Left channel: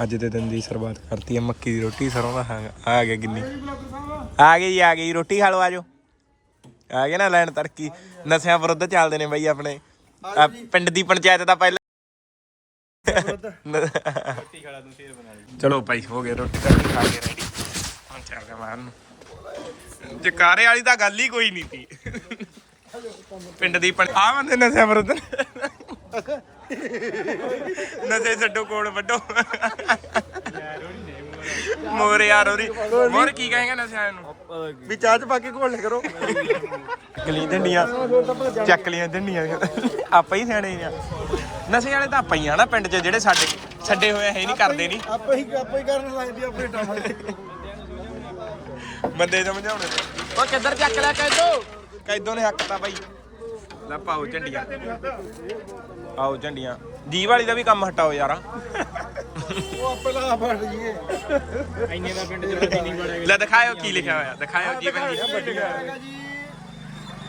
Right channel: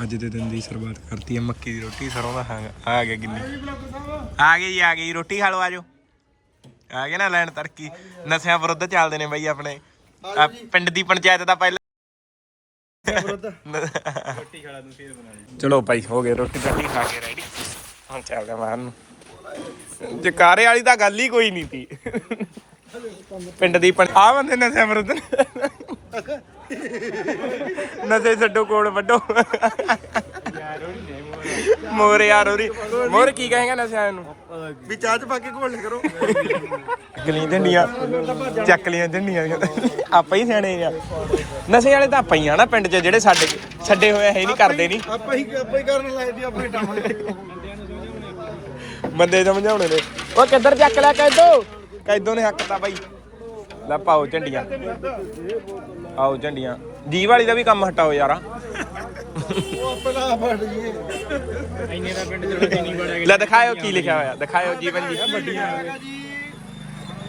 ਅੱਜ ਦੇ ਦਿਨ ਦੀ ਸ਼ੁਰੂਆਤ ਕਰਤੀ ਹੈ ਮੱਕੀ ਦੀ ਰੋਟੀ ਸਰੋਂ ਦਾ ਸਾਗ ਆ ਗਿਆ ਗਿੰਨੀ। ਆ ਗਈ ਆ ਗਈ ਰੋਟੀ ਖਾ ਲਓ ਆਜੋ ਆ ਗਿਆ ਨਾ ਲੈਣ ਤੜਕੀ। ਨਸ਼ਿਆਂ ਵਿਰੁੱਧ ਚੱਲਦੇ ਨੇ ਬਈ ਆਪਣੇ। ਆਹ ਪਿੰਡ ਦੀ ਪੰਚਾਇਤ ਦਾ ਪਹਿਲਾਂ ਚਲੋ ਭਾਈ ਹੋ ਗਏ ਰੋਟੀ ਰਾਟੀ ਖਾ ਕੇ ਰੈਡੀ ਹੁਣ ਚੱਲਦੇ ਮਾਰਨ ਨੂੰ। ਜਕਾਰੇ ਵਾਲੀ ਤਾਂ ਗੱਲ ਹੀ ਕੋਈ ਨਹੀਂ ਤੀ। ਪਿੰਡ ਦੀ ਆ ਬੰਦੇ ਨਸ਼ਿਆਂ ਵਿਰੁੱਧ ਨਸ਼ੇ ਛੱਡੋ ਕੋਲ ਵੱਡੋ ਮੋਰ ਯਾਰ ਉਹਦੀ ਮੋਰ ਕੀ ਕਹੇਗਾ ਨਸ਼ਿਆਂ ਨੂੰ? ਵੀ ਚਾਹ ਚ ਪਾ ਕੇ ਘੋਲ ਕਰੋ ਲਈ ਝੰਡੀਆਂ ਚੱਕ ਲੀਆਂ ਝੰਡੀਆਂ। ਆਪਾਂ ਹੀ ਸਿਆਣੇ ਆ। ਨਸ਼ੇ ਵਾਲੇ ਤਾਂ ਆਪਾਂ ਹੀ ਆ ਨਾ ਪਿੰਡ 'ਚ ਜਿਹੜੇ ਛੱਡ ਛੱਡੇ ਹੋਏ ਹੈ ਨਹੀਂ ਕਰਦੇ ਨਹੀਂ ਆਪਾਂ ਹੀ ਆਪਾਂ ਹੀ ਕਰਨ ਲੱਗਦੀ ਆਪਣੇ ਟਾਵਾਂ ਬੰਦੇ ਸਮਝਾਉਣੇ ਨੇ। ਉਹ ਕਿੱਧਰ ਚੱਕ ਲਿਆ ਕੈਦੋ? ਕੈਦੋ ਨੇ ਹੱਕ ਤਾਂ ਬਾਈ। ਲੈ ਪਾਓ ਝੰਡੀਆਂ। ਆਓ ਝੰਡੀਆਂ। ਜੀ ਵਾਲੀ ਦਾ ਵੀ ਕੰਮ ਹਟਾਓ ਯਾਰਾ। ਉਹ ਆਪੇ ਲਾ ਫੜ ਲਈਏ ਲੈ ਦਿਖਾਇਓ ਕੀ ਲਿਖਿਆ ਹੋਇਆ। ਦਿਖਾਇਓ ਜੀਵਨ ਜੀ।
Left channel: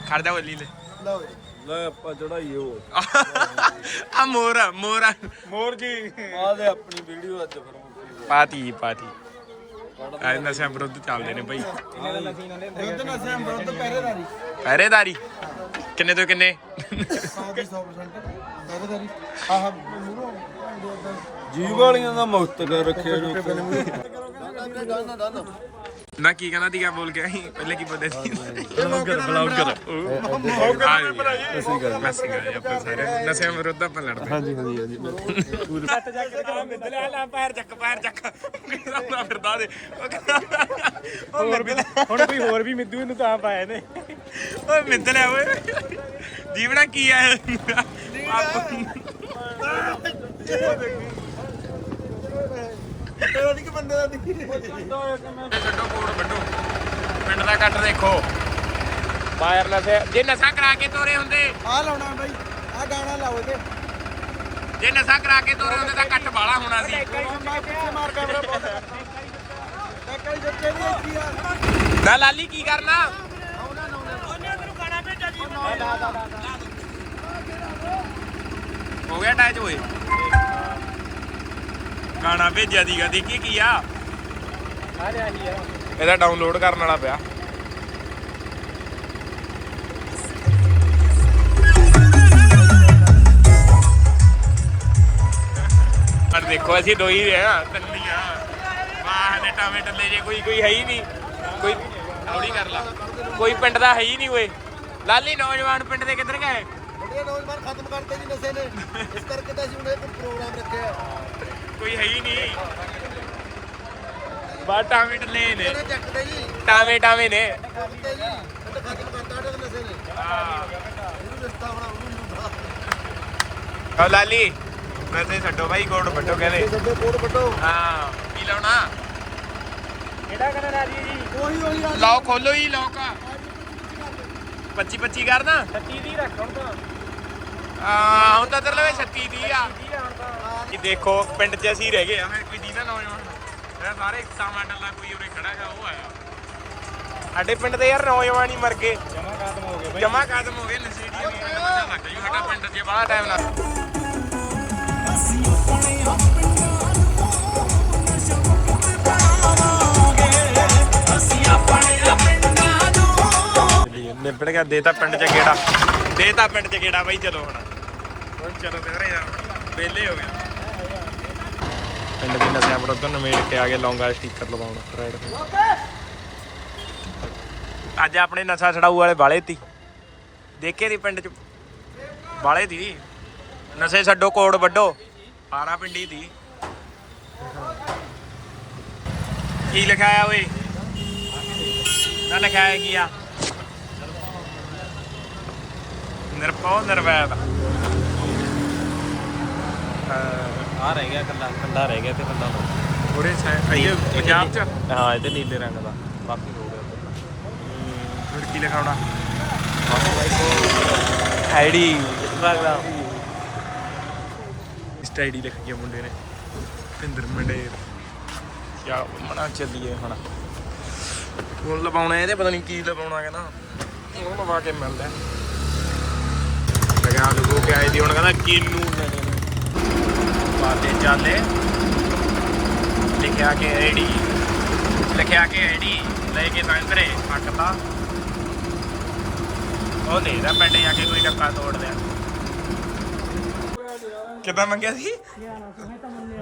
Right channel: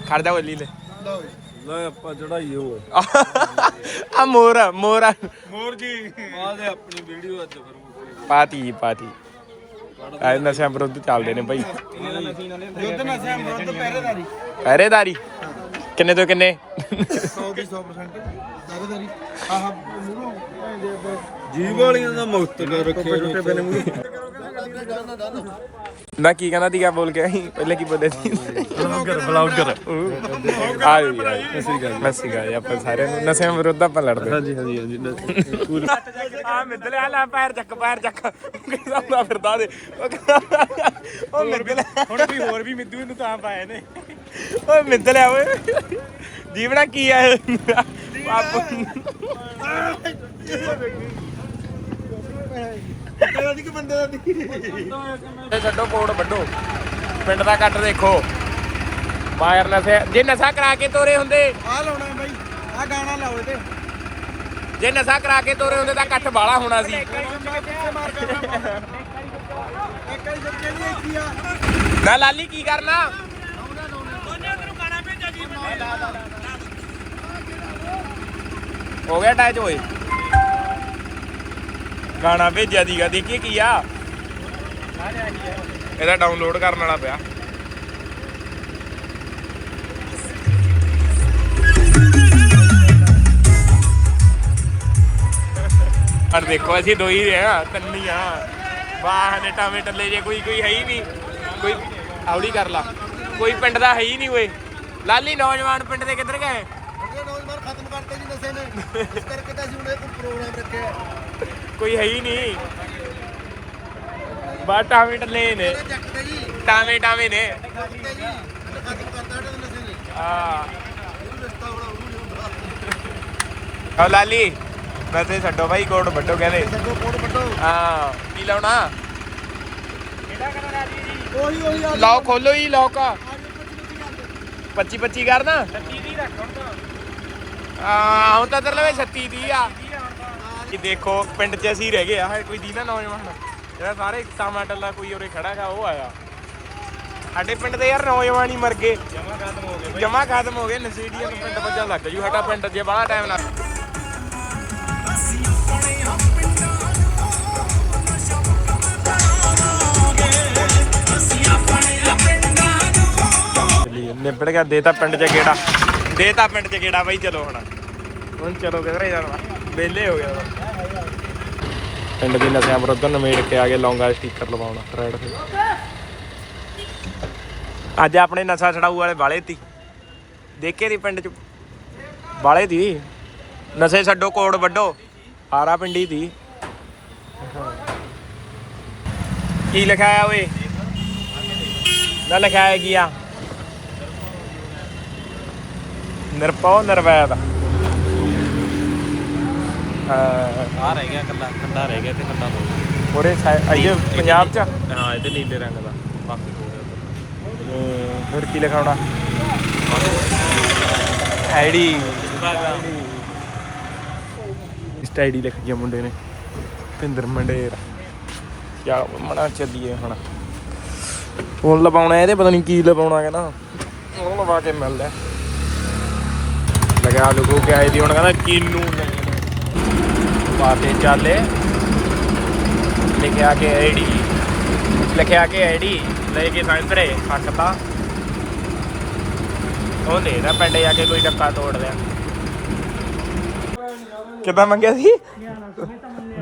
ਖੜ ਜਾ ਬੋਲੀ ਲੈ। ਲਓ ਲੈ ਆਪਾਂ ਚੜਾਈ ਹੋ ਆ। ਮੋਰ ਮੋਰ। ਹੋਰ ਜੀ। ਆ ਦੇ ਆਪਣੀ ਵੀਡੀਓ ਅੱਜ ਕਰੋ ਪਾਤੀ ਪਾਤੀ। ਆ ਨਸ਼ਿਆਂ ਵਿਰੁੱਧ ਚੱਲਦੇ ਨੇ ਭਾਈ ਯੁੱਧ ਨਸ਼ਿਆਂ ਵਿਰੁੱਧ ਪਹਿਰੇਦਾਰੀ। ਪਹਿਰੇਦਾਰੀ। ਕਿੰਨੇ ਤੋਂ ਕਿੰਨੇ? 100 ਦੀ 100% ਪਹਿਰੇਦਾਰੀ ਆਹ ਮੂਰੋਂ ਜੀਵ ਵਾਲੀਆਂ ਦਾ ਮੁਕਤ ਕਰ ਰੱਖਿਆ ਨਾ ਕੀ ਕਹਿੰਦਾ ਸੀਗਾ ਬੋਲ ਕੇ ਆਈ। ਪਹਿਲੇ ਕੀ ਬੋਲੇ ਸੀ? ਬਲੌਗਰ ਆ ਜੀ ਮੈਸੀ ਗਾ ਜੀ ਆਪਾਂ ਸਾਰਿਆਂ ਨੂੰ ਨਸ਼ਿਆਂ ਵਿਰੁੱਧ ਆਪਾਂ ਲੜਦੇ। ਹਾਂਜੀ ਹਾਂਜੀ ਹਾਂਜੀ ਆ ਮਿੱਦਲੇ ਆ ਲੈ ਪੈਰ ਚੱਕ ਪੈਰ ਚੱਕ। ਉਹ ਕਹਿੰਦਾ ਹੁੰਦਾ ਫਿਰਦਾ ਦੇ ਉਹ ਕਹਿੰਦਾ ਉਹ ਮਿੱਦਲੇ ਹੁਣ ਕੋਈ ਹੋਰ ਵੀ ਮਿੱਦੂ ਨੂੰ ਤਾਂ ਪਾਏ ਨੇ। ਓਏ ਮਿੱਦਲੇ ਓਏ। ਜੀਵਣਾ ਕੀ ਆ? ਬਾਪੂ ਤੇਰਾ ਦੀ ਕਿ ਬੰਦੇ ਦਾ ਦੀ ਤੇ ਛੱਡੋ ਕੋਡ ਵੱਡੋ। ਪਿੰਡ ਦਾ ਕੱਟ ਦੇਖੋ। ਵਾਇਰਲੈਸ ਜੇ ਨਸ਼ਾ ਕਰਾ ਕੇ ਤੋਰੇ ਹੁੰਦੇ। ਆ ਲਾਉਣਾ ਬਾਈ। ਆ ਗਾਣਾ ਲਾਓ ਤੇ ਜੇ ਨਸ਼ਾ ਕਰਾ ਕੇ ਤੋਰੇ ਹੁੰਦੇ ਤਾਂ ਕੱਟ ਬਾਲਾ ਹੋਣਾ ਸੀ। ਨਾ ਲਾਲੀ ਕੀ ਕਰਨਾ? ਹੋ ਗਿਆ ਅਟੈਚ ਹੋਏ ਗਾਣਾ ਭੇਜਿਆ ਦੀਗਾ ਦੇਖੀਏ ਕੀ ਆ। ਇਹਦਾ ਡਾਊਨਲੋਡ ਕਰਨ ਵਾਲਾ ਪਿਆ। ਪਰ ਦੇਖੋ, ਅਸੀਂ ਦੋ ਹੀ ਆ ਤੰਨੀਆਂ ਵਾਹ ਨੇ ਟਾਵੇਂ ਟੱਲੇ ਜੇ ਕੋਈ ਕੋਈ ਹੈ ਹੀ ਨਹੀਂ। ਕੋਈ ਆਉੜੀ ਕਰ ਲਾ। ਕੋਈ ਪਿੰਡ ਦਾ ਹੈ ਹੀ ਨਹੀਂ ਓਏ। ਲਾਲੀ, ਨੌਜਵਾਨ ਪਿੰਡ ਦੇ ਕਿੱਧਰ ਗਏ? ਬੜੇ ਨੌਜਵਾਨ ਖਤਮ ਕਰਤੇ ਜੀ ਨਸ਼ੇ ਨੇ। ਇਸ ਕਰਕੇ ਤਾਂ ਅਸੀਂ ਹੁਣ ਪ੍ਰੋਗਰਾਮ ਰੱਖਿਆ। ਕੋਈ ਹੈ ਹੀ ਨਹੀਂ। ਬਾ ਟਾਵੇਂ ਟੱਲੇ ਨੇ। ਟਾਵੇਂ ਟਾਵੇਂ ਨੇ। ਹਾਂ। ਲਾਲੀ, ਮੈਂ ਤੇ ਛੱਡੋ ਭਾਈ ਕੋਡ ਵੱਡੋ ਕਹਿੰਦੇ। ਸੱਡੋ ਕੋੜ ਵੱਡੋ ਹਾਂ, ਕੀ ਲਾਉਣਾ? ਉਹੀ ਉਹੀ ਲਾਓ ਖੋਲੋ ਹੀ ਲੋਕ 25 25 ਕਰਨਾ? 36 ਦੀ ਹਾਂ, ਹੁਣ ਤਾਂ ਤੇਰੇ ਲਵੇ 36 ਦੀ ਆ। ਕਿ ਦੇਖੋ ਪਿੰਡ 'ਚ ਅਸੀਂ ਰਹਿ ਗਏ ਆ ਕੋਈ ਦੀ ਨਾ ਨੌਜਵਾਨ। ਜਿਹੜਾ ਸਾਰੇ ਸਾਮਾ ਟੱਲਾ ਕੋਈ ਉਰੇ ਖੜਾ ਗਾ ਉਹ ਆਇਆ। ਸਾਡੇ ਪਿੰਡ ਦੇ ਯਾਰ ਨੌਜਵਾਨ ਹੀ ਮਰ ਗਏ। ਜਮਾ ਖਤਮ ਹੋ ਗਏ ਜਮਾ ਖਤਮ ਹੋ ਗਏ ਨਸ਼ੇੜੀਆਂ ਨੂੰ ਪਿੰਡ ਵੱਜਣ ਲੱਗ ਜੂ ਸਾਡਾ ਪਿੰਡ ਜੇ ਬਾਹਲਾ ਟਾਈਮ ਨਾਲ ਚਲੀਏ ਨਿਬੜ ਗਿਆ ਦੇ ਤਾਂ ਪਿੰਡ ਚ ਗੇੜਾ। ਦੇ ਤਾਂ ਪਿੰਡ ਚ ਗੇੜਾ ਬਾਈ ਚਲੋ ਹੁਣ। ਹੁਣ ਚਲੋ ਕਿਧਰੇ ਜਾਣਾ। ਵਿਹਲੇ ਹੋ ਗਿਆ। ਪਿੰਡ ਦੀ ਨਸ਼ਿਆਂ ਵਿਰੁੱਧ ਨਵੇੜ ਕੇ ਆ ਗਏ, ਲੌਂਗਾ ਸਟicker ਲਵਾਉਣਾ, ਰੈਡ ਤੇ ਅੱਜ ਆਪਣੇ ਨਸ਼ਾ ਛਡਾਊ ਵਾਲੇ ਬਾਲੇ ਤੀ। ਦੇਖੇ ਦੀ ਪਿੰਡ ਚ? ਬਾਲੇ ਦੀ ਨਸ਼ੇ ਛੱਡੋ, ਕੋੜ ਵੱਡੋ ਹਾਰਾ ਪਿੰਡੀ ਦੀ ਕੀ ਲਿਖਾਇਆ ਓਏ? ਨਾ ਲਿਖਾਇਆ ਕੀ ਆ? ਨਿਰਪਉ ਨਿਰਵੈਦ। ਆ ਰਹਿ ਗਿਆ ਕੱਲਾ ਠੰਡਾ ਰਹਿ ਗਿਆ ਤੇ ਠੰਡਾ ਹੋ ਉਹਦੇ ਅਈਏ ਪੰਜਾਬ ਚ? ਹਾਂ ਇਹਦੇ ਨੀਲੇ ਰੰਗ ਦਾ ਬਾਕੀ ਹੋ ਗਿਆ ਉਧਰ ਹਮ, ਫਿਰ ਕੀ ਲਿਖਾਉਣਾ ਆਈਡੀ। ਇਸ ਆਈਡੀ ਲਿਖ ਗਿਆ ਮੁੰਡੇ ਨੇ। ਭਿੰਦਰ ਮੰਡੇਰ। ਕਿਆ ਮਣਾ ਚੱਲੀਏ ਹੁਣ। ਫੋਨ ਲਵਾਉਣਾ ਇਹਦੇ ਪਤਾ ਨਹੀਂ ਕੀ ਲਵਾਉਣਾ ਕਹਿੰਦਾ। ਉਹ ਲਵਾ ਕੇ ਮਿਲਦਾ। ਲਗਾ ਲਗੋ ਕੇ ਆਈ ਦੀ ਹੁਣ ਕਹਿੰਦਾ ਕੀਨੂ ਪਾਤੇ ਚਾਲੇ। ਲਿਖਿਆ ਕਿ ਆਈਡੀ ਲਿਖਿਆ ਕਿ ਆਈਡੀ ਲੈ ਕੇ ਸੰਤਰੇ ਹੱਕਦਾ ਉਹ ਦੇਖਦਾ ਪਿੰਡ ਜਾ ਕੇ ਕੋਈ ਡੱਕਾ ਤੋੜ ਲਿਆ। ਕਿੱਦਾਂ ਮੰਗਿਆ ਸੀ?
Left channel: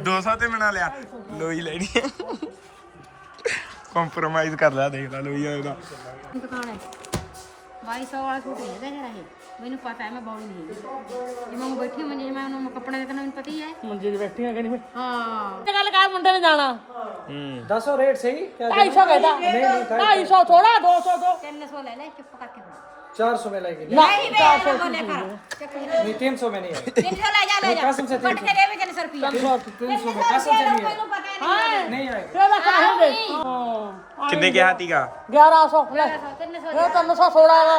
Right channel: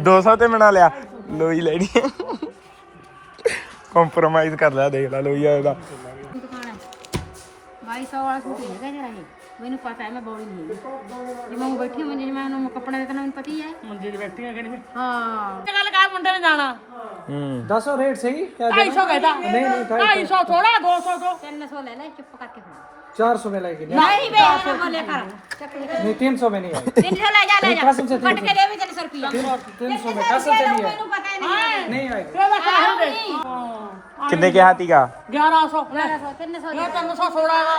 200 ਤੇ ਬਣਾ ਲਿਆ। ਲੋਈ ਲੈਣੀ ਕੰਪਰੋਮਾਈਜ਼ ਕਰ ਲਿਆ ਦੇਖ ਲੈ ਲੋਈ ਆਇਆ ਦੁਕਾਨ 2200 ਵਾਲਾ ਸੂਟ ਹੈਗਾ ਜਿਹੜਾ ਇਹ। ਮੈਨੂੰ ਪਤਾ ਹੈ ਮੈਂ ਬੋਲੀ ਨਹੀਂ ਹੈਗੀ ਜਿਵੇਂ ਉਹ ਬੈਠੀ ਮੰਜੇ ਜਿਵੇਂ ਉਹਨੂੰ ਕੱਪੜੇ ਵੇਖਣਾ ਮੈਨੂੰ ਪਤਾ ਹੀ ਹੈ ਮੰਜੇ 'ਚ ਬੈਠੀਆਂ ਕਿਹੜੀ ਹਾਂ ਤੇ ਗੱਲ ਕਰ ਮੁੰਡੇ ਨੇ ਜਾਣਾ ਹੂੰ ਦੱਸੋ ਰੇਟ ਸਹੀ 250 ਕਹਿੰਦਾ 250 ਥੋੜਾ 200 ਤੋਂ 300 ਲੈ ਲੈ ਚੁੱਪ ਕਰਕੇ ਹੁਣ 400 में लेके ਨਹੀਂ ਵੇ ਬੋਲੇ ਕਰ ਚੱਕ ਲੈ नहीं 300 में नहीं है 300 ਲੈ ਜਾ ਲੈ ਜਾ ਕੱਟ ਕੇ ਦੇ ਵੀ 300 ਰੁਪਿਆ 300 में कसम से नहीं है ਮੈਨੂੰ ਪਤਾ ਹੀ ਨਹੀਂ नहीं आएगा ਤੇ ਮੈਂ ਕਹਾਂ ਦੇ ਕਿੰਨੇ ਕਿਹਾ ਤੀਗਾ 1100 ਲੈ 300 ਇਹ 300 ਥੋੜਾ ਵਾ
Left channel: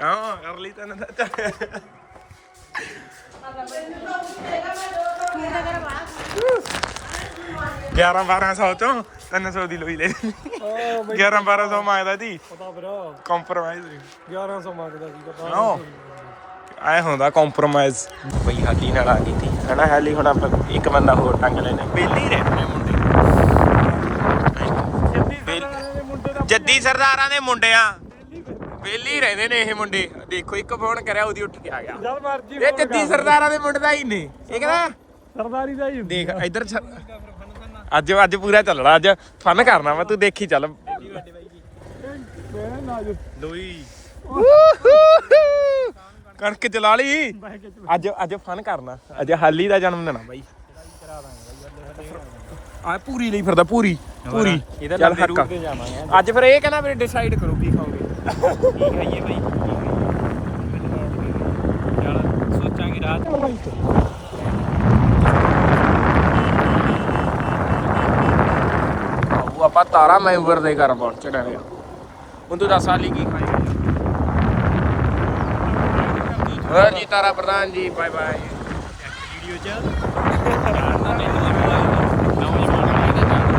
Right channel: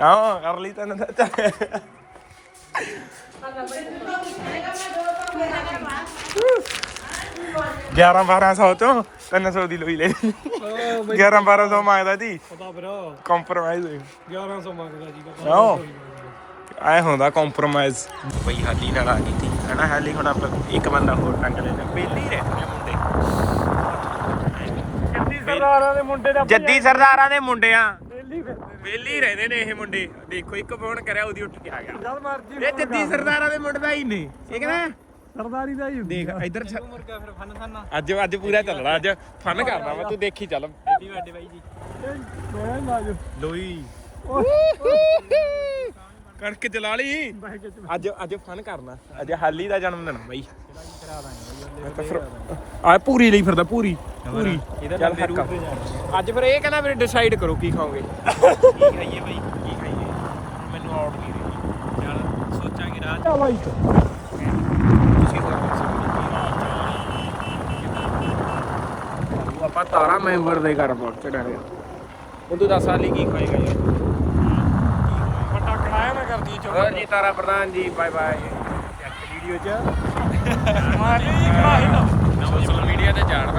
ਹਾਂ ਕਰ ਲਈ ਤੈਨੂੰ ਤਾਂ 11 1200 ਤੋਂ 300 ਦੀ ਲੋਈ ਲੈ ਲਈ 11 1200 ਮੰਗਦਾ ਸੀ ਪਤਾ ਬਰੋ ਕੰਪਰੋਮਾਈਜ਼ 1100 ਮੰਗਦਾ ਸੀ ਪਤਾ ਆਓ ਆਏ ਹੁੰਦਾ ਕੰਪਰੋਮਾਈਜ਼ ਬਈ ਹਾਲੀ ਨਾਲ ਆ ਗਈ ਸੀ ਹਨਾ ਹਾਲੀ ਹੁਣ ਆਪਾਂ ਇੱਕ ਬੰਦਾ ਹੋਰ ਟੰਗ ਲੈਣੇ ਬੇਲੇ ਰਹਿਣੇ ਹੁੰਦੇ ਜੱਦੀ ਸਰਦਾਰਾਂ ਦੇ ਮੁੰਡੇ ਦਾ ਵੇਲੀ ਰਹਿੰਦੇ ਨੇ ਇਹ ਮੁੰਡੇ। ਦੇਖੋ ਇੱਕ ਫੋਨ ਕਰਿਆ ਉਹਦੀ ਉੱਠ ਕੇ ਆ ਗਿਆ ਜਦ ਮਰਜ਼ੀ ਇਹ ਜੱਦੀ ਸਰਦਾਰਾਂ ਦੇ ਮੁੰਡੇ ਦਾ ਹੀ ਨੇ। ਇਹ ਕਹਿੰਦਾ ਸਰਦਾਰੀ ਦਾ ਹੀ ਦੇਖ ਇੱਧਰ ਛ- ਫਿਰ ਫਨ ਕਰਨਾ। ਅੱਜ ਅੱਜ ਪੂਰਾ ਚੱਲਣਾ ਅੱਜ ਫਨ ਕਰਨਾ ਮੈਂ ਤੂੰ ਦੇਖੀ ਚੱਲ। ਮੈਂ ਨਾ ਜੋ ਲੋਈ। ਕਣਕ ਚਲਾ ਲਈ। ਅੱਜ ਅੱਜ ਫਨ ਕਰਨਾ। ਅੱਜ ਹਾਲੀ ਦਾ ਜਨਮ ਦਿਨ ਆ ਬਾਈ। ਆ ਪੂਰੀ ਲਈ ਫਿਰਦਾ ਪੂਰੀ ਪੂਰੀ। ਚੱਲ ਹੱਕ ਅੱਜ ਫਿਰ ਇਹ ਕਹਿੰਦਾ ਫਿਰ ਡਿਸਾਈਡ ਕਰੋ ਕੀ ਖਾਓਗੇ। ਮੈਨੂੰ ਆਉਟ ਨਹੀਂ ਰਹੀ। ਚੱਲ ਸੋਚਾਂਗੇ ਰਾਤ ਬਾਈ। ਉਹ ਆਪਾਂ ਤਾਰਾ ਮੈਂਬਰ ਦੇ ਘਰ ਪਹੁੰਚ ਰਹੇ ਹਾਂ। ਹੁਣ ਤੂੰ ਦੱਸ ਹਾਲੀ ਕੀ ਖਾਏਗਾ ਯਾਰ? ਜੀ ਤਾਰਾ ਪ੍ਰਧਾਨ ਜੀ ਬਾਏ ਬਾਏ ਵੀਡੀਓ ਚ ਸੋਸ਼ਲ ਮੀਡੀਆ ਤੇ ਜਾਣ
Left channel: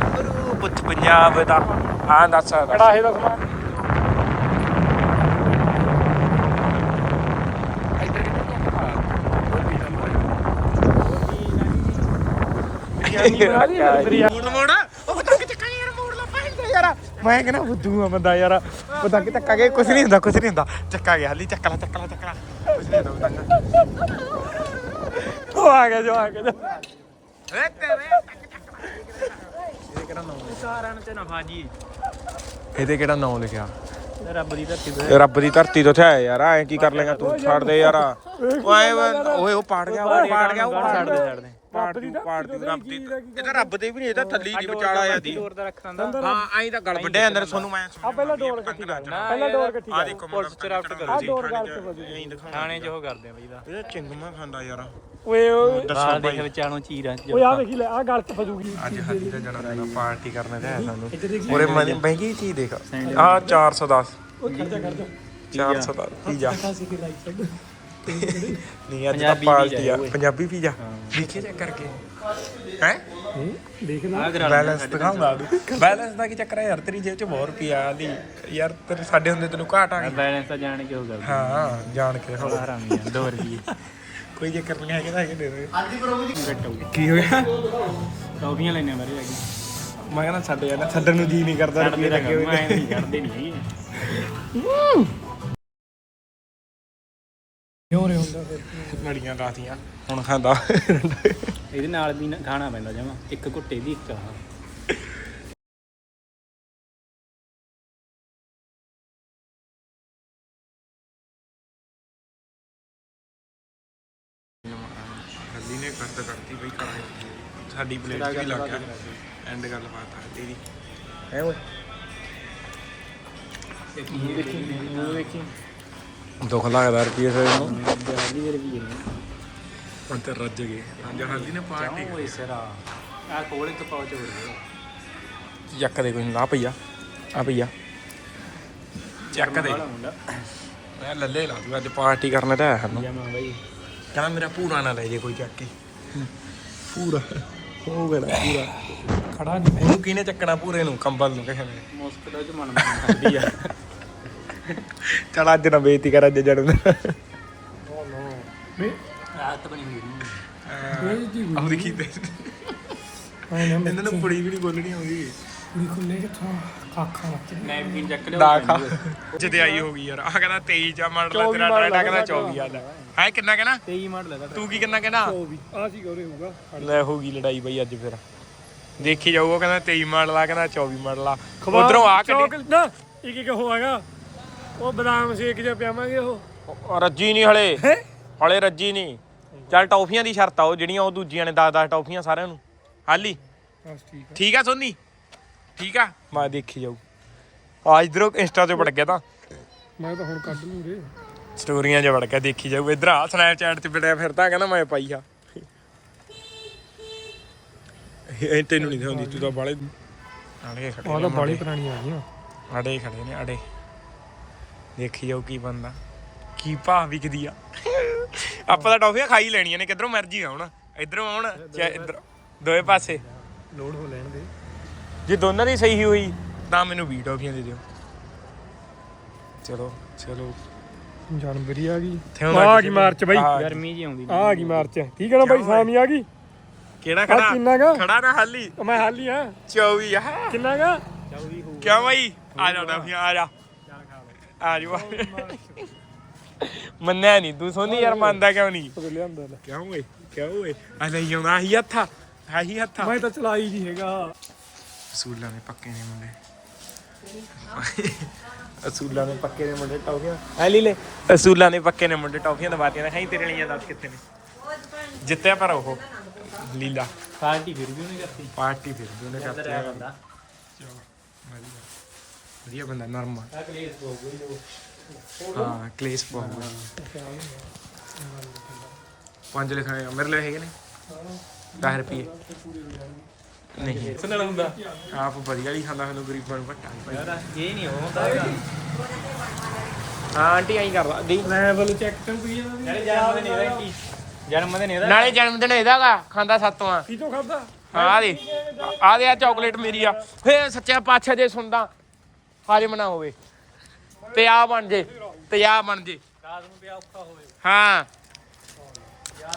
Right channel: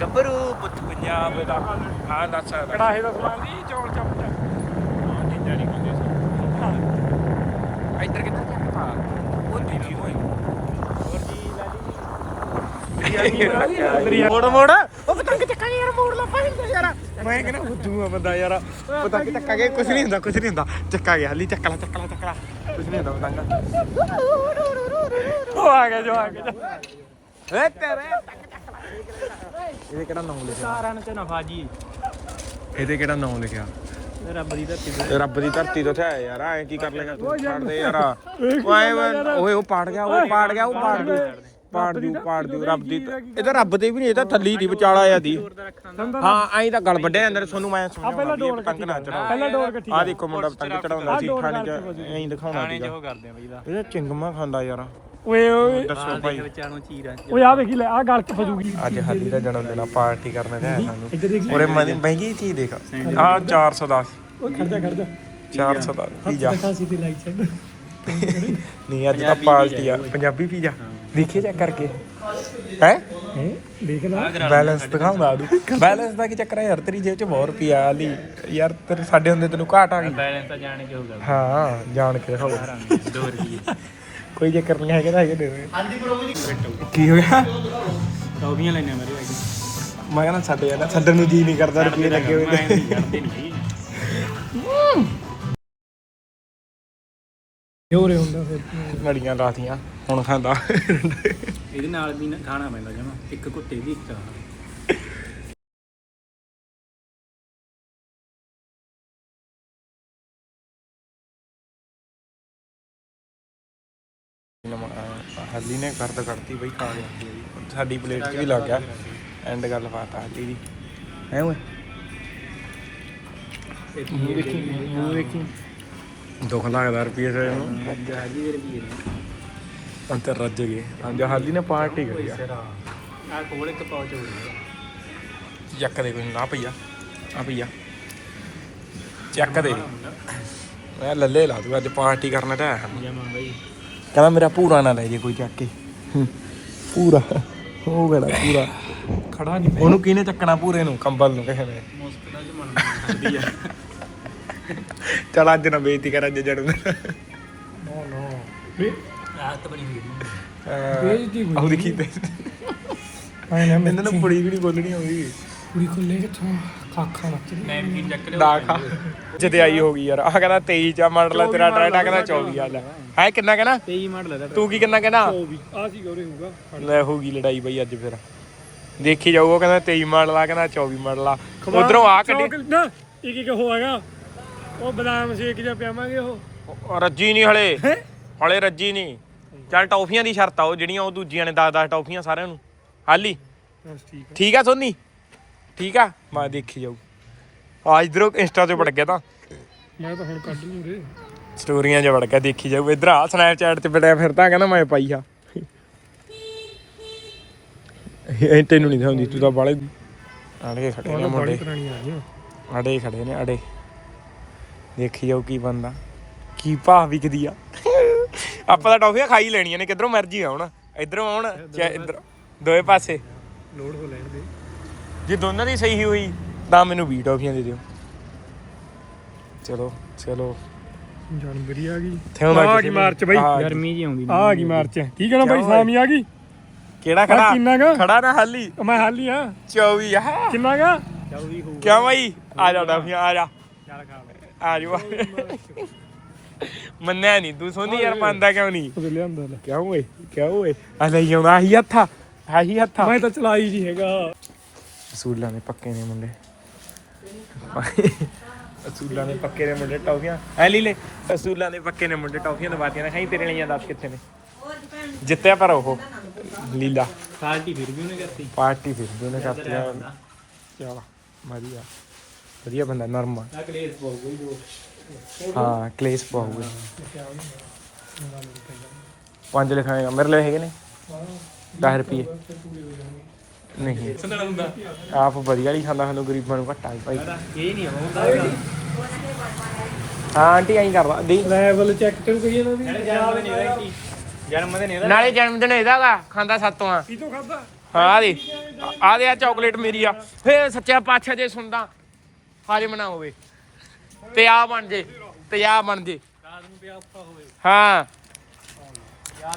ਗੱਭਰੂ ਪੁੱਤ ਪੰਜਾਬ ਦਾ ਹਾਂ ਦੱਸ ਦੱਸ। ਕੜਾਹੇ ਦਾ ਸਮਾਨ। ਮੋੜ ਮੋੜ। ਉਹ ਪਤੰਗ ਚੱਕਾ ਯਾਰ ਮੋੜ ਲਾ ਪਾਹਿੰਦਾ ਯਾਰ। ਮੈਂ ਕਹਿੰਦਾ ਬੁੱਧੂ ਆ ਬੰਦਾ ਯਾਰ। ਪਤੰਗ ਚੱਕਾ ਕੇ ਕੁਝ ਨਹੀਂ ਹੁੰਦਾ ਕੁਝ ਨਹੀਂ ਹੁੰਦਾ। ਚੱਕਾ ਗਿਆ ਹਾਲੀ ਚੱਕ ਲਾ ਚੱਕ ਲਾ ਚੱਕ ਲਾ। ਕੁਝ ਨਹੀਂ ਹੁੰਦਾ ਪਤੰਗ। ਉਹ ਆ ਗਿਆ ਜੋ ਆ ਗਿਆ ਏ ਤੇਰੇ ਟੱਕ ਟੱਕ ਲਾ। ਇਹਦੇ ਕਿਹੜਾ ਨਾਮ ਲਿਖਿਆ? ਰਨ ਤੇ ਨਾ ਹਾਜੀ। ਇਹਦੇ ਕਿਹੜਾ ਨਾਮ ਲਿਖਿਆ? ਰੱਬ ਦੀ ਧਰਤੀ ਦੇ ਇਹ ਰੱਬ ਦੀ ਧਰਤੀ ਤੋਂ ਥਿਆ ਯਾਰ ਐ ਕੀ ਕਰ ਲੇਗਾ ਤੂੰ? ਛੱਡ ਦੇ ਯਾਰ। ਓਏ ਉਹ ਪਾੜ ਗਿਆ ਉਹ ਪਾੜ ਗਿਆ ਉਹ ਪਾੜ ਜੂ ਪਾੜ ਜੂ ਪਾੜ ਜੂ ਰੱਬ ਦੀ ਧ- ਇਹ ਤਾਂ ਰੱਬ ਦੀ ਵੀ ਨਹੀਂ ਇਹ ਤਾਂ ਥੱਲੀ ਦੀ ਵਿਚਾਲਾ ਆ ਦੀ। ਹਾਂ ਐਂ ਤਾਂ ਗਲ ਵੱਡੇ ਅੰਦਰ ਤੁਹਾਨੂੰ ਮੈਂ ਸਮਝਾਉਣਾ ਵੀ ਇਹ ਪਤੰਗ ਨਾ ਚੜਾਓ। ਆ। ਦੇਖੋ ਮੁੰਡਾ ਪਤੰਗ ਚੜਾਉਂਦਾ ਸੀ ਥਾਣੇ ਚ ਐਂ ਦਿਖਾਉਂਦਾ ਥਾਣੇ ਚ ਉਹ ਕਰਦੇ ਆ ਬਈ ਦਾ। ਇਹ ਚਿੰਗਮਾ ਖਾਂਦਾ ਯਾਰ। ਓਏ ਦੱਸੋ ਭਾਈ। ਵਿਚਾਲੋਂ ਚੀਰਾਂ ਓਏ ਆ ਵੇਖੀ ਲੈ ਆ ਗੱਲ ਕਿੱਥੇ ਜੂਗੀ? ਅੱਜ ਹਾਲੀ ਦਾ ਜਨਮ ਦਿਨ ਆ ਪਾਰਟੀ ਕਰਨ ਤੇ ਆਇਆ ਸਾਨੂੰ। ਉਰੇ ਮੈਂ ਮਹਿੰਗੀ ਚੀਜ਼ ਦੇਖ। ਆ 410 ਉਹ ਖਰਚਾ 410 ਪੀਜ਼ਾ ਸੀ ਦੀ ਲਾਈਕ ਸਾਈਡ ਨਹੀਂ ਅੱਜ ਤਾਂ ਪਾਰਟੀ ਆ ਪੰਜਾਬੀ ਪੀਜ਼ਾ ਲਿਖੇ ਚੈੱਕ ਕਰਕੇ? ਹੈ? ਦੇਖ ਲਾ ਬੈਲੈਂਸ ਦਿਖਾਉਂਦਾ ਤੂੰ ਬੈਲੈਂਸ ਦਾ ਕੀ ਚੱਕਰ ਹੈ ਯਾਰ ਤੇਰੀ ਜੇਬ 'ਚ ਬਹੁਤ ਰੁਪਿਆ ਆਲੀ ਯਾਰ ਤੇਰੇ ਸਾਡੇ ਹੁੰਦੇ ਤੈਨੂੰ ਘਾਟ ਆ ਗਈ। ਬੈਲੈਂਸ ਤਾਂ ਜਾਣ ਕੇ ਹੋਊਗਾ। ਹਾਂ ਜਾਣ ਕੇ ਹੋ 2 ਰੁਪਏ ਕੋਈ ਚੱਕਰ ਨਹੀਂ ਹੈਗਾ ਤਾਂ ਹੈਗੇ ਦੇ ਦੇ। ਕੀ ਹੋ ਗਿਆ ਟੌਫੀਆਂ ਲੈਣੇ ਮੇਰੇ ਅੱਜ ਮੈਂ ਕਹਿੰਦਾ ਛੱਡ ਜਾਣਾ ਛੱਡਣ ਨੂੰ ਜੀ ਨਹੀਂ ਕਰਦਾ ਰੁਪਏ ਲੱਗੇ ਹੋਏ ਨੇ। ਕਰਦੇ। ਨਹੀਂ ਹੋਰ ਹੁੰਦਾ ਫਿਰ। ਮੜੀਆਂ ਲਾਤੀਆਂ ਹੁਣ ਖਾਂਦਾ। ਇਹਦੇ ਨਾਲ ਵੀ ਨਾ ਖਾਣਾ ਪੈਂਦਾ ਜਮਾ ਇੱਕ ਘੁੱਟੇ ਦੀ ਇੱਕ ਚਾਹ ਹੱਲੀ ਨੇ ਕਰਦ ਕਰਤੀ ਬਈ ਖਾਣੇ ਸਾਡੀ ਪਲੇਟ 'ਚ ਵੀ ਲੱਗ ਗਿਆ। ਐਂਡ ਗੱਲ ਬਾਤ ਆ ਹੱਲੀ ਦੀ ਹੈ ਓਏ ਦੁੱਖ ਲੱਗਦਾ ਰੁਪਏ ਸੇ ਨੂੰ ਹੁਣ ਤੇ ਰੱਜ ਗਏ। ਹੱਲੀ ਨੇ ਪਾਰਟੀ ਕਰੀ ਆ। ਆ। ਕੋਲੇ ਤੋਂ ਪਾਉਚ ਹੋ ਗਿਆ ਚੱਕ ਦੇ ਕੋਈ ਨਾ ਪਈਆ ਆ ਪਈਆ ਚੱਕ ਦੇ। ਮੈਂ ਲੱਲੇ ਲਾ ਦੂਗਾ ਅੱਜ ਪਾਰਟੀ ਕਰਨ ਤਾਂ ਆਇਆ ਹਾਂ ਕਹਿੰਦਾ ਮੇਰਾ ਪੂਰਾ ਨਾ ਲੈ ਜੇ ਕੋਈ ਚੱਕ ਕੇ। ਹੂੰ, ਪੂਰਾ ਉਹ ਗੜਾ ਪੂਰਾ ਖੜਾ ਨਹੀਂ ਉਹਨੂੰ ਕਿਹਨੇ ਚੱਕਣਾ ਪੂਰੇ ਨੂੰ ਕੰਬਲ ਨੂੰ ਕਿਸੇ ਨੇ? ਮੁਸਕਦਾ ਚ ਮਨ ਚਲ ਅੱਜ ਨਾ ਬੇਇੱਜ਼ਤੀ ਕਰ ਅੱਜ ਜੜ ਆਦਤ ਬਣੀ ਹੋਈ ਆਹ ਦੇਖੀ ਤੇ? ਇਹਨਾਂ ਨੂੰ ਪੁੜੀ ਵੀ ਨਹੀਂ ਬੋਲਣੀ ਆਉਂਦੀ। ਕੁੜੀ ਖੁੱਲੇ ਕਿੱਥੋਂ? ਖਾਖਾ ਮੱਚ ਨੈਪਕਿਨ ਚੱਕ ਦਾ ਖਾ ਜਿੱਤੇ ਆਈ ਹੋ ਗਈ ਯਾਰ। ਆ ਕਹਿੰਦਾ 23 ਚਾ ਮਾਡਲ ਆ ਤੇਰਾ ਟਰੈਕਟਰ ਕਹਿੰਦਾ 24 ਆ ਲੈ। ਹੈ ਕਿੰਨਾ ਕਹਿੰਦਾ 23 ਮਾਡਲ ਹੈ ਤੂੰ ਕੀ ਕਿੰਨਾ ਕਹਿੰਦਾ ਆ ਸੀ ਗੌਰੇ ਹੋਊਗਾ ਲੈ ਹੋ ਗਈ ਲੜਾਈ ਬਈ ਅੱਜ ਫਿਰ। ਦੇਖੀ ਜਾਊ ਉਹ ਕਹਿੰਦਾ 23 ਮਾਡਲ ਆ ਕਹਿੰਦਾ 24 ਮਾਡਲ ਆ। ਉਧਰੋਂ ਆ ਕੱਢੀ। ਨਾ ਇੱਕ ਇੱਕ ਹੋ ਆਗਾ ਉਹ ਬਦਾਮ ਸ਼ੇਕ ਜਿਹਾ ਪਿਆਵਾਂਗੇ ਉਹ। ਉਹ ਰੱਜੀ ਨਹੀਂ ਹਲੇ। ਹਲੇ ਰੱਜੀ ਨਹੀਂ। ਚੱਲ ਟੌਫੀਆਂ ਦੀ ਸ਼ਰਤ ਆ ਉਹ ਜਿਹੜੀਆਂ ਉਹ ਦੂਜੀਆਂ ਨੇ 10 10 ਟੌਫੀਆਂ ਸਾਰਿਆਂ ਨੂੰ। ਹਾਲੀ ਬਸ ਠੀਕ ਠੀਕ ਆ ਸੋਨੀ? ਠੀਕ ਆ? ਮੈਂ ਦੇਖੀ ਜਾਊ। ਆ ਇਧਰੋਂ ਇੰਸਟਾ ਤੇ ਵੜ ਗਿਆ ਤਾਂ। ਮੈਂ ਤਾਂ ਹੁਣ ਕੱਢ ਲੂੰ ਰੇ ਸਟੋਰੀਆਂ 'ਚ ਵੜ ਗਿਆ ਦੇਖੀ ਜਾਊ। ਇਧਰ ਆ ਸਨੈਪਚੈਟ ਤੇ ਵੜਿਆ ਫਿਰਦਾ ਕਹਿੰਦਾ ਮੈਂ ਪਾਈ ਆ। ਇਹ ਤੈਨੂੰ ਨਹੀਂ ਦਿਖਾਉਂਦੀ ਤੂੰ ਤਾਂ ਬਾਲੇ ਆੜੇ ਖੜੇ ਨੇ ਮੁੰਡੇ। ਅੜੇ ਖੜੇ ਨੇ ਅੜੇ ਦੇਖੀ ਜਾਓ ਕੀ ਬੰਦਾ। ਕੀ ਭਾਅ ਵਿਕਦੀ ਆ। ਆਪਾਂ ਤਾਂ ਟੌਫੀਆਂ ਖਾਈ ਲੈਣੀਆਂ ਨੇ ਕਿੱਧਰੋਂ ਮਰਜ਼ੀ ਆਉਣ। ਇਧਰੋਂ ਆਉਣ ਜਾਂ ਇਧਰ। ਦੋਵੇਂ ਪਾਸੇ। ਲੋਡ ਹੋ ਲੈਣ ਦੇ ਜੇ ਦੋਨਾਂ ਦੀ ਸਹੀ ਹੋਈ ਤਾਂ ਮੈਨੂੰ 20 ਟੌਫੀਆਂ ਦੇ ਦਿਓ। ਚਲੋ ਚਲੋ। ਜਨਵਰੀ ਆ ਗਈ। ਆ ਗਈ ਨੂੰ। ਮਾਰਚ ਬਈ। ਆ ਗਈ। ਗਰਮੀ ਜੀ ਆਉਂਦੀ ਆ ਗਈ ਮਾਰਚ। ਠੀਕ ਹੈ ਨਾ ਬਈ ਕਿਉਂ ਓਏ? ਸਾਮੀ ਆ ਗਈ? ਕਿਹੜਾ ਖੜਾ? ਕਿੰਨਾ ਗਾ? ਖੜਾ ਨਾ ਹਾਲੀ। ਮੈਂ ਹਾਲੀ ਆ। 24 ਆ। ਕਿੰਨਾ ਗਾ? ਕਿਉਂ ਬਈ? ਆ ਜਾ ਟੌਫੀਆਂ ਆ ਜਾ। ਆ ਜਾ ਮੰਨਿਆ ਨਹੀਂ ਤੂੰ ਸੋਨੀ ਯਾਰ ਮੰਨਦਾ ਕਿਉਂ ਨਹੀਂ ਲਿਆਂਦਾ ਲੈ। ਕਿਉਂ ਓਏ ਕਿਉਂ ਓਏ? ਆ ਲੈ ਆਉਂਦਾ ਆਹੀ ਹੱਥਾ ਆਹੀ ਹੱਥਾ। ਮੈਂ ਤਾਂ ਚਲਾਈ ਜੀ ਹੈਗਾ। ਅਸੂਲਾਂ ਦੇ ਪੱਕੇ ਨੇ ਮੁੰਡੇ। ਅਸੂਲਾਂ ਦੇ ਪੱਕੇ ਨੇ ਮੁੰਡੇ ਟੌਫੀਆਂ। ਐ ਲਈ ਲੈ ਅਸੂਲਾਂ ਦੇ ਪੱਕੇ ਨੇ ਮੁੰਡੇ ਟੌਫੀਆਂ ਦਵਾਤੀਆਂ ਨੇ ਖਾਈ ਤੇਰੇ ਲਈਆਂ ਦੱਸ ਕਿੱਥੇ ਨੇ। ਜਿੱਤਿਆ ਪਰ ਉਹ ਲੀਲਾ। ਪਾਰਟੀ ਫਿਰ ਵੀ ਉਹਨੇ ਕਰਤੀ। ਪਾਰਟੀ ਫਿਰ ਵੀ ਉਹਨੇ ਕਰਤੀ ਆ। ਚਲ ਵਧੀਆ। ਵਧੀਆ ਬੰਦਾ ਨਰਮ ਆ ਆ ਕਲੇਸ ਪਾਉ ਕੋਈ ਹਾਂ ਕਲੇਸ਼ ਪਾਉਗੇ ਪੰਜ ਲਿਖਾਏਗਾ ਮੇਰੇ ਲਈ ਹੈਗੇ ਨੇ? 10 ਰੁਪਏ। ਨਹੀਂ। ਆਪ ਵਧੀਆ ਹੀ ਖਾਂਦਾ ਸਾਨੂੰ ਗਰੀਬਾਂ ਨੂੰ ਘੱਟਾ ਹੀ ਭਾਈ। ਇਹ ਨਹੀਂ ਆਉਂਦਾ ਹਾਂ ਆਂਟੀ ਐਂ ਕਰਦਾ। ਦੀ ਲੈਵਲ ਚੈੱਕ ਤੂੰ ਵੀ। ਜਨਮ ਦਿਨ ਇਹਦਾ ਜਨਮ ਦਿਨ ਇਹਦਾ ਨਾਲੇ ਜਨਮ ਦਿਨ ਇਹਦਾ ਗਾ ਖਾਂਦਾ ਸਾਤੋਂ ਆ। ਕੀ ਤੋਂ ਖਾਦਾ? ਹਾਂ ਆ ਦੇ। ਆ ਦੇ ਆ ਚਾਕਲੇਟ ਮੇਰੀ ਆ। ਫੇ ਸੱਚਾ ਪਾਤਸ਼ਾਹ ਜੇ ਸੁਣਦਾ। ਹਾਜ਼ਮ ਨਾ ਹੋਵੇ। ਤੇ ਆ ਬਣ ਜੇ ਤੇ ਆ ਬਣ ਜੇ। ਰਾਤ ਨੂੰ ਤੇ ਔਖਾ ਹੋਵੇ। ਹਾਂ।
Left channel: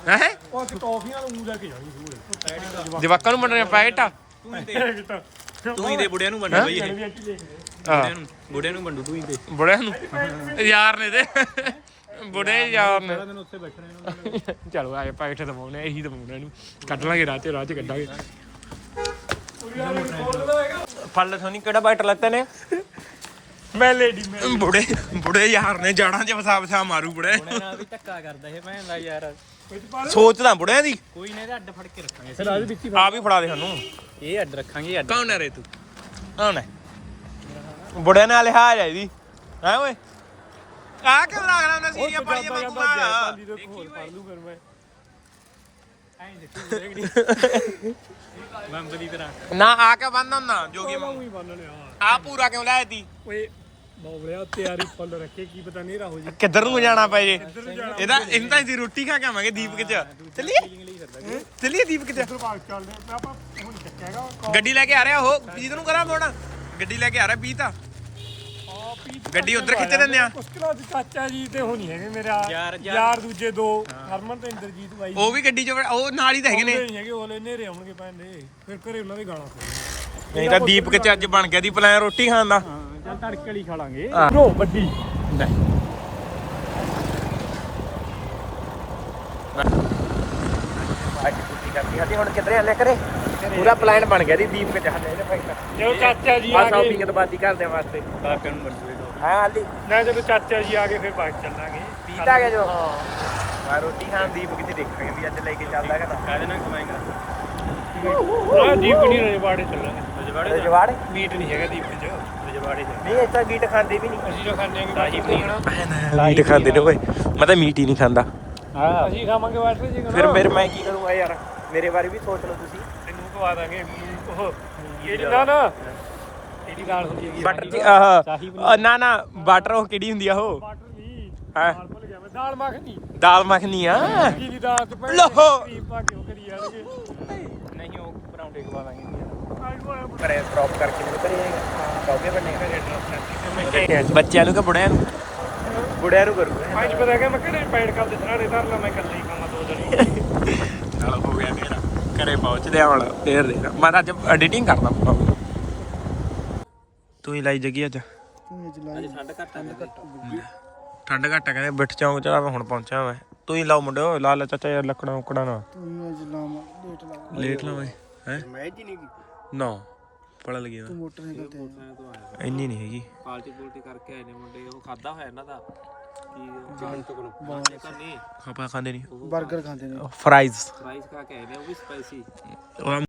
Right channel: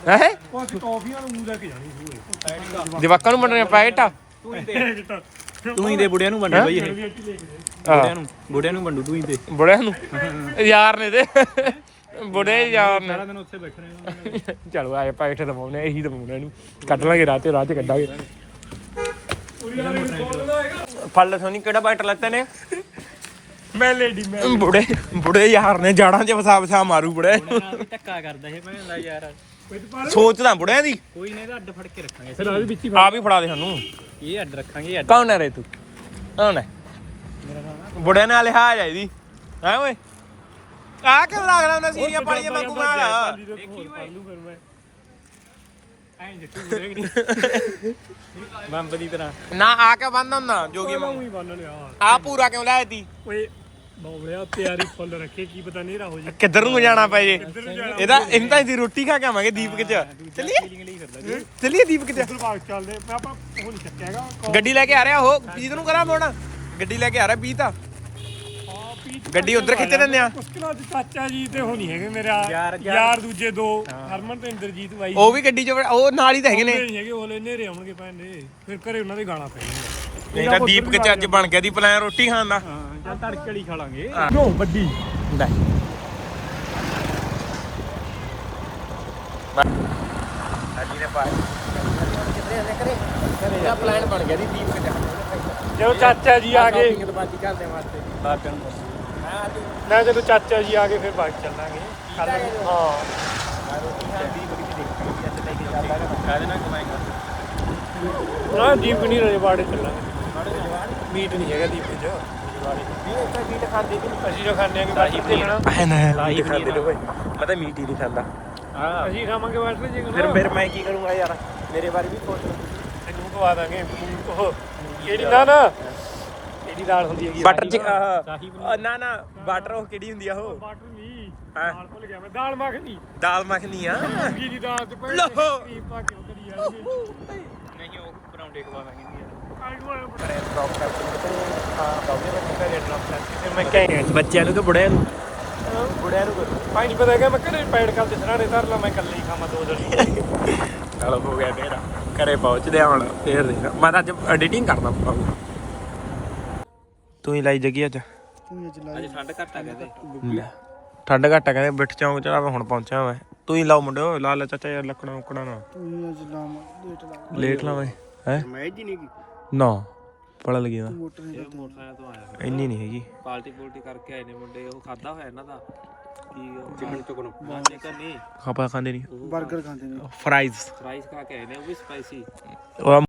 ਹੈ? ਉਹ ਟੌਫੀਆਂ ਨੂੰ ਮੂੰਹ ਲੈ ਕੇ ਜਾਣੀ ਸੂਏ ਜਵਾਕਾਂ ਨੂੰ ਬਣਨੇ ਪੈਕਟ? ਆ ਤੂੰ ਹੀ ਦੇ ਬੁੜਿਆਂ ਨੂੰ ਹੈਂ? ਬਈ। ਹਾਂ। ਬੁੜਿਆਂ ਨੂੰ ਵੰਡੂ ਤੂੰ ਹੀ ਦੇ। ਬੁੜਿਆਂ ਨੂੰ? ਯਾਰ ਨੇ ਤੇ ਬੁੜੇ ਯਾਰ ਨੇ। ਸਾਰਾ ਦਿਨ ਉੱਥੇ ਬੈਠ ਰਹੇ ਚਲੋ ਆਏ ਪੈਕਟ ਦਵਾਉਣੇ ਇਹੀ ਦਵਾਉਣੇ ਇਹਨੂੰ। ਕੱਢ ਲਾਂਗੇ ਰਾਹ ਤੇ ਰਾਹ ਚ ਕੱਢਾਂਗੇ। ਫਲ ਸੋਨੀ ਕਿਹੜਾ ਬਾਈਟ ਲੱਤੇ ਨੇ? ਮੈਂ ਲੇਡੀ ਮੈਂ ਬੁੜੇ ਬੁੜੇ ਯਾਰ ਨੇ ਜਾੜਾਂ 'ਚ ਵਸਾ ਵਸਾ ਮਾਰੂ ਬੁੜੇ। ਨਾਲ ਵੀ ਧੱਕਾ ਕਰਦਾ ਇਹ ਭੈਣ ਦਾ ਯਾਰ। ਸੋਚਦਾ ਬੁੜਿਆਂ ਦੀ। ਕੋਈ ਨਹੀਂ ਇਹਦਾ ਅੱਡ ਫੜ ਕੇ ਰੱਖਾਂਗੇ। ਫਿਰ ਆਦੇ ਵਿੱਚ ਹੀ ਆ ਵੀ ਫੜਾ ਦੇ ਸਾਨੂੰ। ਇਹ ਅੱਡ ਰੱਖਾਂਗੇ ਅੱਡ। ਕੌਣ ਹੈ ਰੇ ਤੂੰ ਕੌਣ ਹੈ? ਬੁੜੇ ਨਾਲ ਲਿਹਾਜ਼ ਆਈਦੀ ਹੈ ਓਏ? ਆ ਕਿਉਂ ਲੱਗ ਰਿਹਾ ਹੁੰਦਾ ਸੀਰੀਆਂ ਪਾਣੀਆਂ ਵਾਂਗੂ ਮਾਰ ਹੋਰ ਫੜ ਲੂ ਫਿਰ ਮੈਂ। ਐਂ ਜੱਟੂ ਦੇਖ ਮੰਮ ਦੀ ਤਰ੍ਹਾਂ ਨਾ ਆ ਕੇ ਬੰਨ ਹੁੰਦਾ ਜੋਗੀ ਵਾਂਗੂ? ਉਹੀ ਬੰਨ ਲਿਆ। ਆ ਪੂਰਾ ਕਿਉਂ ਲਾਇਆ ਤੀ? ਓਏ ਬੌਲਿਆ ਤਿਆਰੀ ਫੁੱਲ ਰੱਖੇ ਕੀ ਪਤਾ ਨੇਰਾ ਹੋ ਜੇ। ਕਿੱਧਰ ਨੂੰ ਜਾਣਾ ਪਏ ਜੇ? ਇਹਦਾ ਇਹਨਾਂ ਤਾਂ ਦੀ ਰੋਟੀ ਖਾ ਕੇ ਆਵਾਂਗੇ ਦੀਪਕ ਚ। ਚੱਲੀਏ? ਚੱਲੀਏ ਦੀਪਕ ਚ? ਉਧਰ ਬਾਗ ਚੱਲਦੇ ਮੈਂ ਆਪਾਂ ਉਹ ਨਹੀਂ ਚੱਕਿਆਗਾ ਗੱਡੀ ਲੈ ਕੇ ਆ ਰਿਹਾ ਉਹ ਪੀਤ ਨੂੰ ਕਰਾਂ ਮੋੜ ਗੱਡੀ ਲੈ ਕੇ ਆ ਰਿਹਾ ਪੀਤ ਆ। ਗੱਡੀ ਉਧਰ ਖਿੱਚ ਦਿੰਦੇ ਆ? ਮੁਸ਼ਕਿਲਾਂ ਚ ਚਾਚਾ ਜੀ ਤੇ ਉਹ ਨਹੀਂ ਹੈਗੇ ਮੇਰਾ ਯਾਰ ਦੂਜੇ ਦੋ ਹਰਮਨ ਤੇ ਇੰਦਰਜੀਤ ਬਾਈ। ਉਹ ਵੀ ਗੱਡੀ ਚ ਉਹ ਨਾਲ ਹੀ ਤਾਂ ਹੈਗੇ ਨੇ। ਨਹੀਂ ਹੈਗੇ ਉਹ ਲੈ ਨੇਰੇ ਆਉਣਗੇ ਭੈਣ ਦੇ। ਫਿਰ ਘਰੇ ਉਹਨਾਂ ਦੀ ਗਾਣਾ ਪੈਣੀ ਨਹੀਂ ਤਾਂ ਦੀਪਕ ਚ ਅੱਜ ਬਣ ਗਿਆ ਦੀ ਪਲਾਨ ਰੋਟੀ ਖਾਣ ਦਾ? ਹਾਂ ਚੱਲ ਤੜਕੇ ਵਾਲੀ ਖਾ ਲਾਂਗੇ। ਲੋ ਵੱਡੀ। ਨਹੀਂ ਅੱਜ ਨੇ ਪਾਰਟੀ ਕਰਦੀ ਸਾਡੀ ਹੁਣ ਕਿੱਧਰੇ ਹਲੇ ਕਰੇ ਪੂਰਾ ਪਲਾਨ ਬਣ ਗਿਆ ਦੀ ਦੀਪਕ ਚ ਸਾਡੇ ਇਹਦੇ ਭਾਈ ਤਾਂ ਜਦੋਂ ਚਾਚਾ ਜੀ ਆ ਆ ਗਏ। ਸ਼ਾਪਿੰਗ ਤੇ ਬਾਤੀ ਕਰਦੇ ਵਾਸਤੇ। ਬਾਪਿਆਂ ਨੂੰ ਬੰਦੇ ਹਾਂ ਹਾਲੀ ਮੈਂ ਜਦੋਂ ਚਾਚਾ ਜੀ ਆ ਗਏ ਫਿਰ ਬਾਗ ਚੱਲਾਂਗੇ। ਪੀਤ ਆ ਗਿਆ ਜੋ? ਹਾਂ। ਮੈਂ ਰੋਟੀ ਖਾਣ ਦੀਪਕ ਚ ਦੇਖਾਂਗੇ ਵੀ ਅੱਜ ਲੈ ਕੇ ਚੱਲਦਾ ਹੈਗਾ ਤਾਂ। ਨਾਲ ਦੀਪ ਨਹੀਂ ਰਜਵਾੜੇ ਚੱਲਾਂਗੇ। ਜਵਾੜ ਮੀਟ ਨਹੀਂ ਹੈਗਾ ਦੀਪ ਚ। ਜਵਾੜੇ ਨਹੀਂ ਇੱਥੇ ਮੀਟ ਖਾਂਦੇ ਵੀ ਨਹੀਂ। ਅਸੀਂ ਤਾਂ ਖਾਂਦੇ ਆ ਕਿ ਤੇ ਲੈਣਾ ਆਹ ਨਾ ਮੀਟ ਖਾਂਦੇ ਨੇ ਓਏ। ਮੈਂ ਤਾਂ ਮੀਟ ਹੀ ਨਹੀਂ ਖਾਂਦਾ। ਅਸੀਂ ਖਾਵਾਂਗੇ ਵਾਟਰ ਜੀ ਫਿਰ ਫਿਰ ਮੈਂ ਕੀ ਕਰੂੰਗਾ ਯਾਰ? ਮੇਰੇ ਬਾਰੇ ਵੀ ਸੋਚ ਲਓ ਤੁਸੀਂ। ਇਹਨੂੰ ਖਵਾ ਦਾਂਗੇ ਉਹ ਕਿਹੜੀ ਨਾ ਨਾ ਕਿਹੜੀ ਦਾਲ ਹੁੰਦੀ ਹੈਗੀ ਬਟਰ ਚ ਆਹ ਅ, ਨਾ ਨਾ ਬਟਰ ਉਹ ਕਿਹੜੀ ਹੁੰਦੀ ਆ ਉਹ? ਬਟਰ ਨਹੀਂ ਹਾਂ? ਦਾਲ ਭੁੱਲ ਗਿਆ ਮੈਂ। ਦਾਲ ਮੱਖਣੀ। ਦਾਲ ਮੱਖਣੀ ਆ। ਕੀ ਦੀ ਦਾਲ ਚ ਪਈ। ਲਹੋ। ਕੀ ਪਾ ਕੇ ਉਹ ਕਰੀ ਜਾਣਗੇ ਨਹੀਂ ਉਹ ਪਰੌਂਠੇ ਖਵਾ ਦਾਂਗੇ ਕਰੇ ਡ੍ਰੌਪ ਕਰਕੇ ਮੇਰੇ ਘਰੇ ਬਾਗੇ ਬੰਨੇ ਬੱਚਿਆਂ ਨੂੰ ਕਿ ਬੁੜਿਆਂ ਨੂੰ? ਬੁੜਿਆਂ ਨੂੰ ਕਰੂ ਪੰਜ ਪਤਾ ਕਿ ਮੈਂ ਘਰੇ ਪੈੜ ਕਰ ਦੇ ਸਰਾੜੇ ਧਰ ਲਾ ਮੈਂ ਇਕੱਲੇ ਹੀ ਖਾਣਾ ਦੋ ਜਣੇ ਚਲੋ ਹੋ ਗਿਆ ਮੇਰਾ ਘਰੇ ਪਹੁੰਚਦੇ ਹੁਣ ਫੇਰ ਦੇਖ। ਮੈਂ ਤਾਂ ਅੱਜ ਐਡੀਟਿੰਗ ਕਰਦਾ ਪਾਉਂ ਤੂੰ ਹੀ ਲਾਈ ਜਗੀ ਅੱਜ? ਅੱਜ ਠੰਡ ਘੱਟ ਆ ਲੈ, ਠੰਡ ਘੱਟ ਆ ਕਹਿੰਦੇ ਬਿੱਠ ਚੌਂਕ ਚ ਆ ਮੈਂ ਹੁਣ ਪਹੁੰਚਿਆ ਮੈਂ। ਤੂੰ ਹੀ ਲਾਓ ਮੁੰਡਿਓ ਲਾ ਲੈ ਚਾਚਾ ਯਾਰ ਲੱਕੜਾਂ ਉਕੜਾ ਨਾ ਤੂੰ ਅੱਜ ਲਾਵਾਂ ਲੇਟ ਲਾਵਾਂ ਲੇਟ ਲਾਵੇਂ ਹੈ? ਮੈਂ ਜੀ ਨਹੀਂ ਨਾ ਪੜਾ ਲੱਗਿਆ ਨਾ ਮੋਟਰਸਾਈਕਲ ਤੋਂ ਆਇਆ ਇੰਨੀ ਨਹੀਂ ਹੈਗੀ। ਪਾਲਟੀ ਪੋਲਟੀ ਕਰਕੇ ਆਏ ਨੇ ਮੁੰਡੇ ਉਹ ਖਾਦਾ ਹੋਇਆ ਇਹਨਾਂ ਦਾ। ਚਿਕਨ ਚੁਕਨ। ਤਾਂ ਨਹੀਂ? ਖਾਪਾ ਖਾਂਦੇ ਨਹੀਂ। 버ਗਰ ਖਾਂਦੇ ਨੇ। ਫਰਾਈਜ਼ ਫਰਾਈਜ਼ ਖਾ ਕੇ ਆਏ ਨੇ ਉਹ ਵੀ ਸਪਾਈਸੀ ਉਹ